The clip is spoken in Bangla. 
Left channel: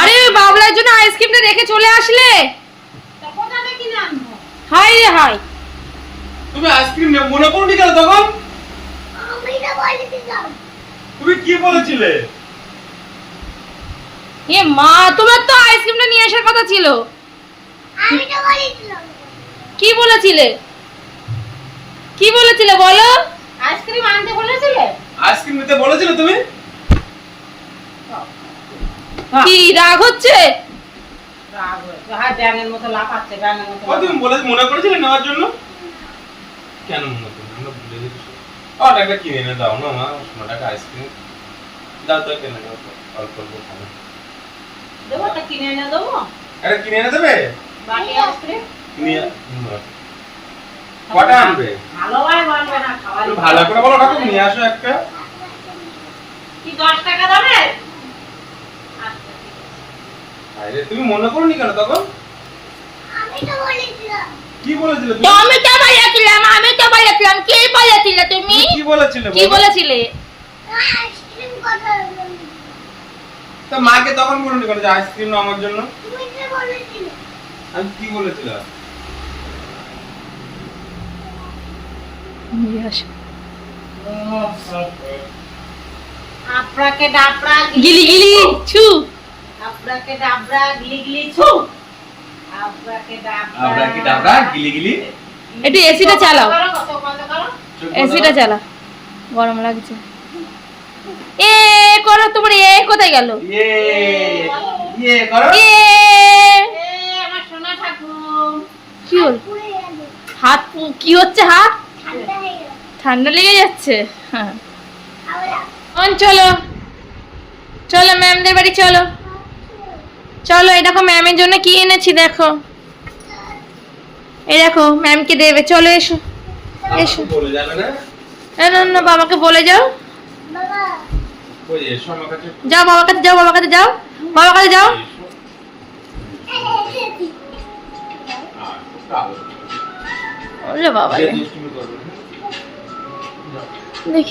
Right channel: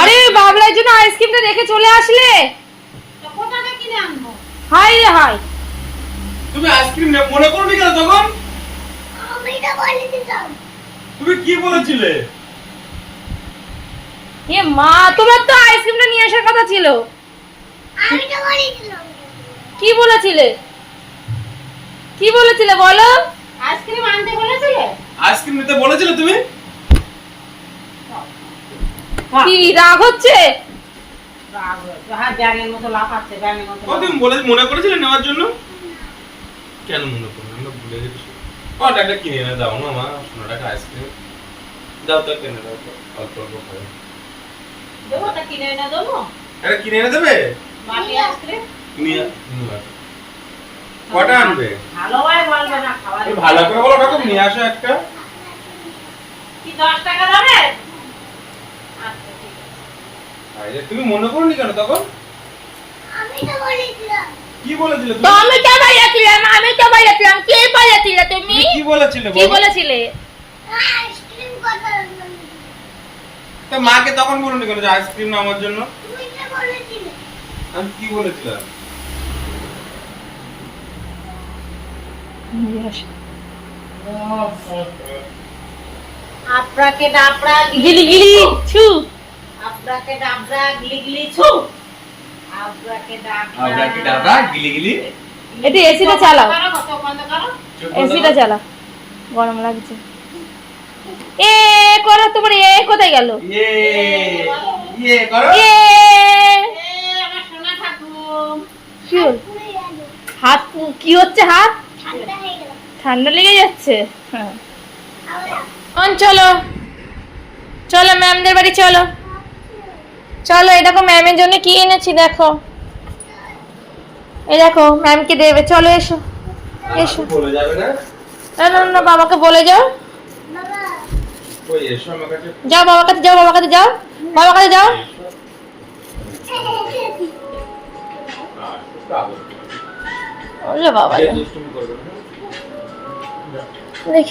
আরে বাবলার জন্য আইসক্রিমটা রেখে চলে আসলে কোথা থেকে কিনে আনবো? হাই রে হাই। তুমি আইসক্রিম মনে করোনি কেন তখন? আমি তো বলেছিলাম। তুমি কি বলেছিলে? এ মা, তোমার তো আইসক্রিমটা নিয়ে আসার কথা ছিল। আমি তো বলেছিলাম। কি বলেছিলে? কি বলেছিলে বলো? আইসক্রিম আনতে বলেছিলে? আইসক্রিম নিতে বলেছিলে তুমি? কি রাগ হচ্ছে? রাগ হয়েছে। হ্যাঁ, ব্যাঙের মতো লাফাচ্ছে, ব্যাঙের মতো। তুমি মনে করেছিলে নেওয়ার জন্য? কেন মনে করো? আমরা ভুলে গেছি। টাকা কিনে এনে দাও না মা, ১৫ টাকা আইসক্রিম দাও তো, কিনে দাও তো, অল্প অল্প খাবো। দেবো, ওটা কিনে এনে দেবো? আরে কিনে এনে দেবে? বাটি আইসক্রিম? কটা আনবে? ভালোভাবে বলবে না, খাওয়া একটু ভালো করে বলো, ওটা তো নিয়ে আসো একটা। কি 10 টাকা দেবে? আরে তুমি মনে করোনি কেন তখন? আমি তো বলেছিলাম। কি বলেছিলে তুমি? আমি তো বলেছিলাম, কি বলেছিলে তুমি? কি বলেছিলে কি বলো? বলেছিলে? আইসক্রিম কথা তা মাকে তখন বলুনি কেন যে আইসক্রিম না আমার জন্য? তুমি তো বলেছিলে। আমি কি বলেছিলাম? আপনাকে ডাবরা গিলি গিলি ছু। আপনাকে ডাবরা গিলি গিলি ছু। আপনাকে ডাবরা গিলি গিলি। একটু এসিটা চালাও, কত বন্ধ করো। এসিটা চালা, গরম লাগছে। এ করো, তোমার এ কোথায় গেল? ইয়ে করো। এ আমার সোনা ঠাকুর। কি হল? পুড়ে গেল। হাত কি হচ্ছে? হাত ঠান্ডা হয়ে গেল। ঠান্ডা লেগে যাচ্ছে। হ্যাঁ, আবার চলো চলো ম্যামদের বাড়ি চলো। চলো, এই দেখো ম্যামের জন্য কি এনেছি দেখো। এই দেখো ম্যামকে দেবে, চলো এসো এসো। বলে যাবে না? না না, বাবাকে বলে যাও। বাবা ওই এসো আমার কাছে। যাও বাবার কাছে যাও, বাবার কাছে যাও, বাবার কাছে যাও। ওরে বাবা, দুষ্টুমি করবে না। দেখি